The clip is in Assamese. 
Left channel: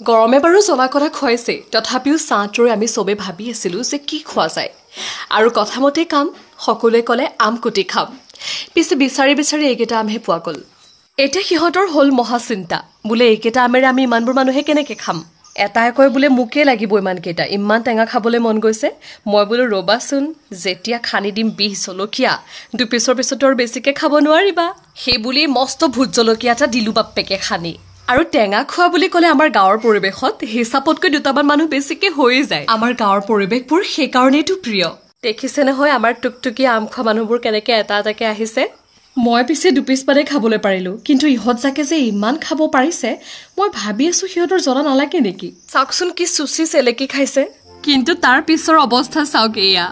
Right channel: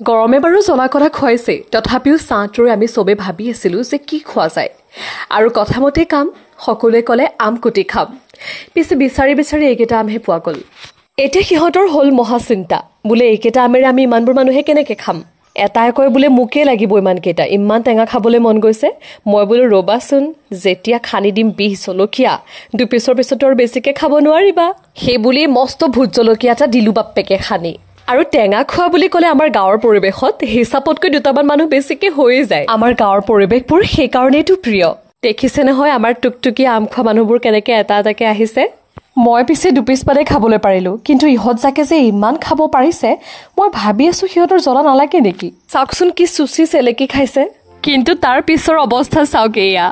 গৰমে বাৰু জ্বলা কলা খুৱাইছে, তথাপিও চাহটোৰে আমি চবে ভাবি আছিলো যে কি খোৱা যায়। আৰু কথামতে কাম, সকলোৱে ক'লে আম কুটি খাম। পিছে বিচাৰি বিচাৰি এইকেইটা আমহে পোৱা গ'ল। এতিয়া সিহঁতৰ হ'ল মহাচিন্তা, বোলে এইকেইটা আমেৰে আমি ইমানবোৰ মানুহে কেনেকে খাম। এটাই কয় বোলে মোকে লাগিব ইমানকেইটা, ইমান টেঙা খাবলৈ মন গৈছে। মই বোলো ৰবাচোন, যেতিয়া খানি দিম 20 জলকীয়া, দুপিছৰ পিছতো আৰু বেছিকে খাব নোৱাৰিবা। সেই বুলি মস্ত ভোট জলকীয়া এটা দিলো বাপ্পেকে খানি। আৰু টেঙা খোৱা বুলি ক'লে আমাৰ গাঁৱৰ পৰিৱেশত হিচাপতকৈ দুটামান মানুহ বেছিকে হৈয়ে যায়। আমাৰ গাঁৱৰ পৰিৱেশবোৰ সেইকাৰণেইটো প্ৰিয়। দেখিছে নহয় আমাৰ টুকটুকীয়া আম খোৱা মানুহবোৰ কেনেকে এটা এটাকে আহিছে। মই পিছে দুপিচ মানে খাবলৈ পাৰিলো, কিন্তু ইহঁত যাকে যে ইমান খাব পাৰিছে, মই ভাবি আছো সিহঁতৰ জ্বলা নালাগে নেকি। চাওকচোন কি চুচি চেলেকি খাইছে, কিন্তু তাৰ পিছৰ অৱস্থা চাওক এয়া।